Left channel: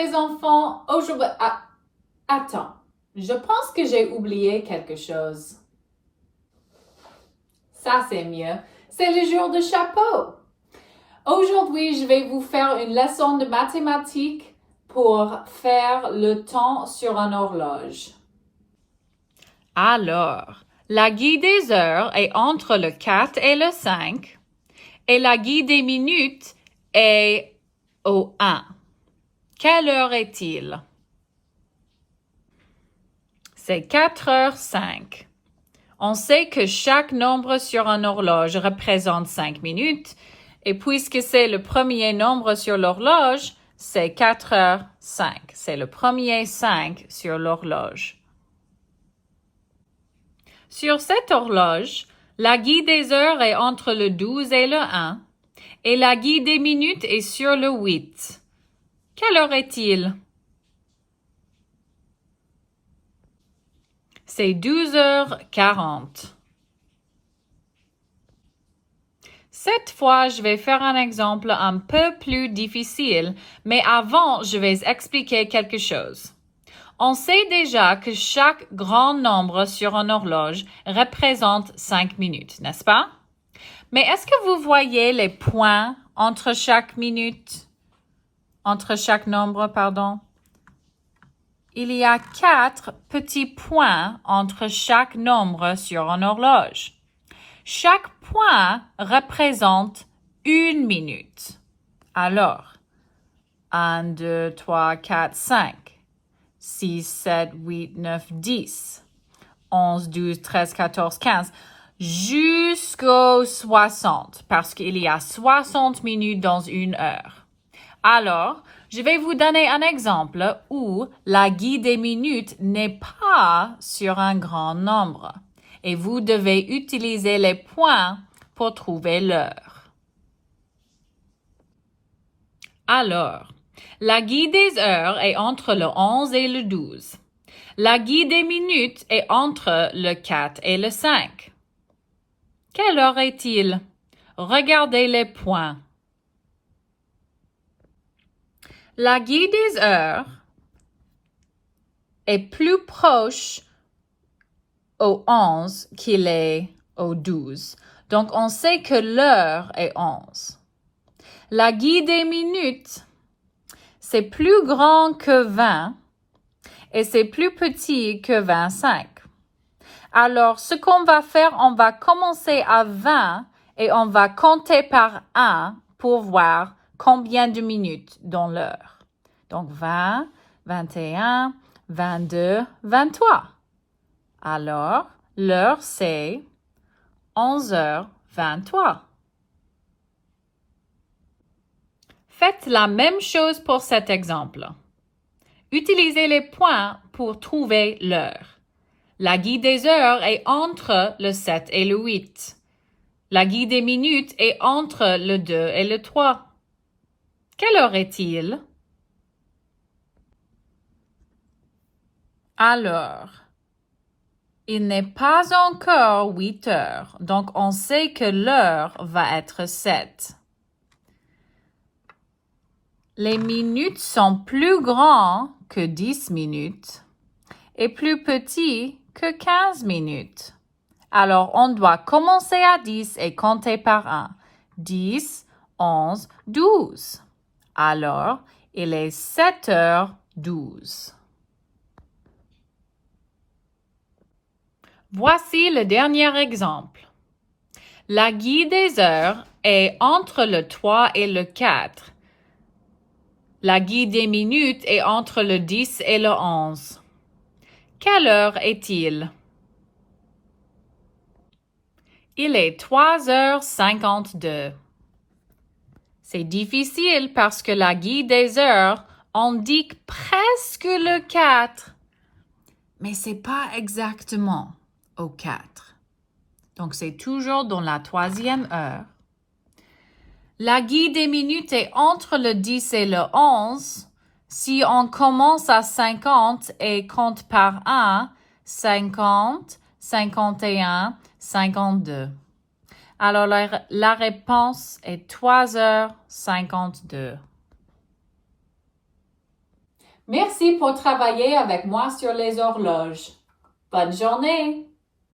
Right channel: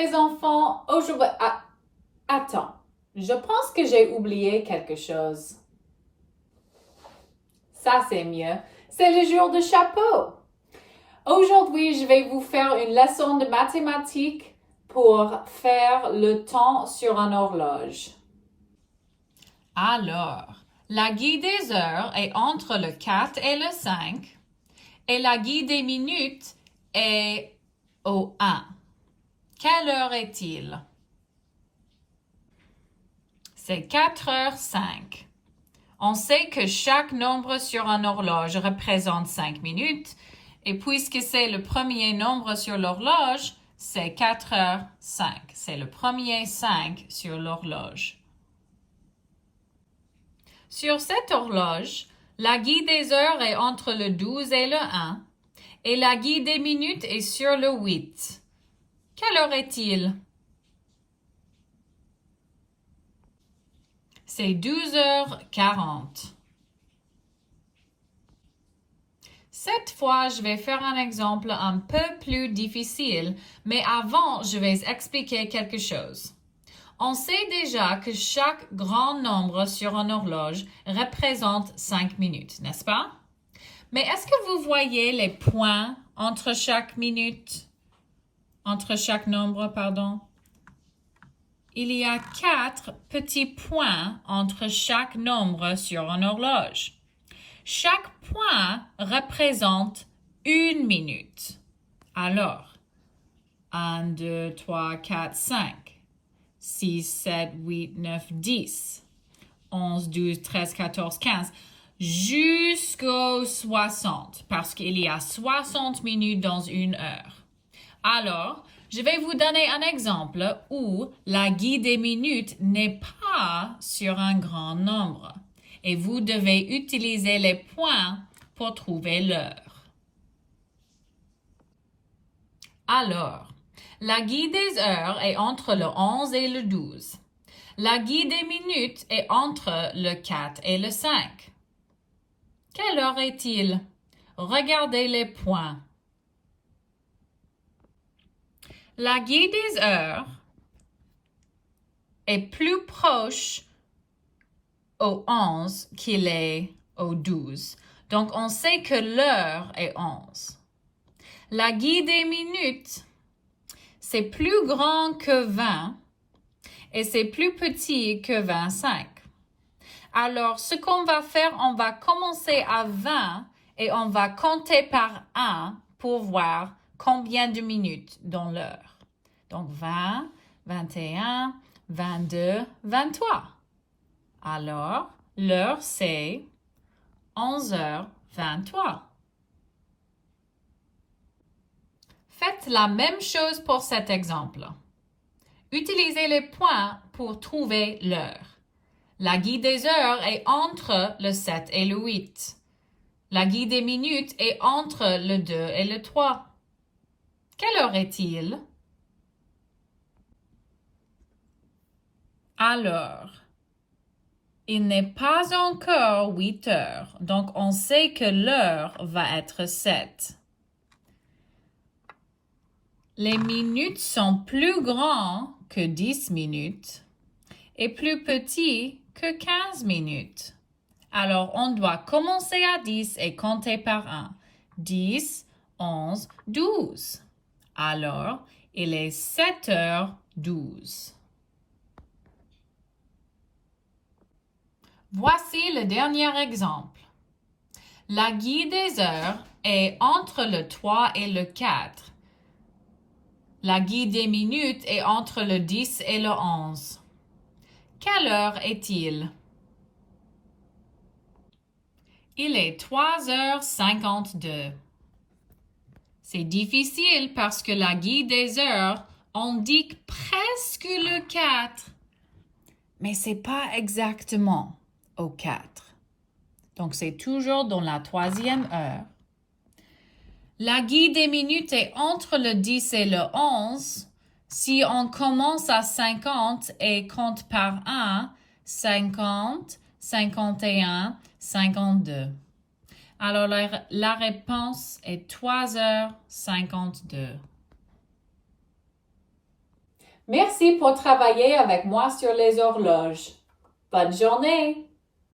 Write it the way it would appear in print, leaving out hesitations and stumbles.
les enfants, aujourd'hui... attends, je pense que j'ai oublié quelque chose. Ça, c'est mieux. C'est le jour de chapeau. Aujourd'hui, je vais vous faire une leçon de mathématiques pour faire le temps sur une horloge. Alors, la guide des heures est entre le 4 et le 5 et la guide des minutes est au 1. Quelle heure est-il? C'est 4h05. On sait que chaque nombre sur une horloge représente 5 minutes et puisque c'est le premier nombre sur l'horloge, c'est 4h05. C'est le premier 5 sur l'horloge. Sur cette horloge, la guide des heures est entre le 12 et le 1 et la guide des minutes est sur le 8. Quelle heure est-il? C'est 12h40. Cette fois, je vais faire un exemple un peu plus difficile, mais avant, je vais expliquer quelque chose. On sait déjà que chaque grand nombre sur une horloge représente 5 minutes, n'est-ce pas? Mais est-ce que vous voyez les points entre chaque minute? Entre chaque nombre, pardon? Il y a 4 petits points entre chaque nombre sur une horloge. Chaque point représente 1 minute. Alors, 1, 2, 3, 4, 5, 6, 7, 8, 9, 10, 11, 12, 13, 14, 15, jusqu'au 60, parce qu'il y a 60 minutes dans une heure. Alors, je vais vous donner un exemple où la guide des minutes n'est pas sur un grand nombre et vous devez utiliser les points pour trouver l'heure. Alors, la guide des heures est entre le 11 et le 12. La guide des minutes est entre le 4 et le 5. Quelle heure est-il? Regardez les points. La guide des heures est plus proche au 11 qu'il est au 12. Donc, on sait que l'heure est 11. La guide des minutes, c'est plus grand que 20 et c'est plus petit que 25. Alors, ce qu'on va faire, on va commencer à 20 et on va compter par 1 pour voir combien de minutes dans l'heure. Donc, 20, 21, 22, 23. Alors, l'heure, c'est 11h23. Faites la même chose pour cet exemple. Utilisez les points pour trouver l'heure. La guide des heures est entre le 7 et le 8. La guide des minutes est entre le 2 et le 3. Quelle heure est-il? Alors, il n'est pas encore 8 heures, donc on sait que l'heure va être 7. Les minutes sont plus grands que 10 minutes et plus petits que 15 minutes. Alors, on doit commencer à 10 et compter par 1. 10, 11, 12. Alors, il est 7h12. Voici le dernier exemple. La guide des heures est entre le 3 et le 4. La guide des minutes est entre le 10 et le 11. Quelle heure est-il? Il est 3h52. C'est difficile parce que la guide des heures indique presque le 4, mais c'est pas exactement au 4. Donc, c'est toujours dans la 3e heure. La guide des minutes est entre le 10 et le 11. Si on commence à 50 et compte par 1, 50, 51, 52. Alors, la réponse est 3h52. Merci pour travailler avec moi sur les horloges. Bonne journée!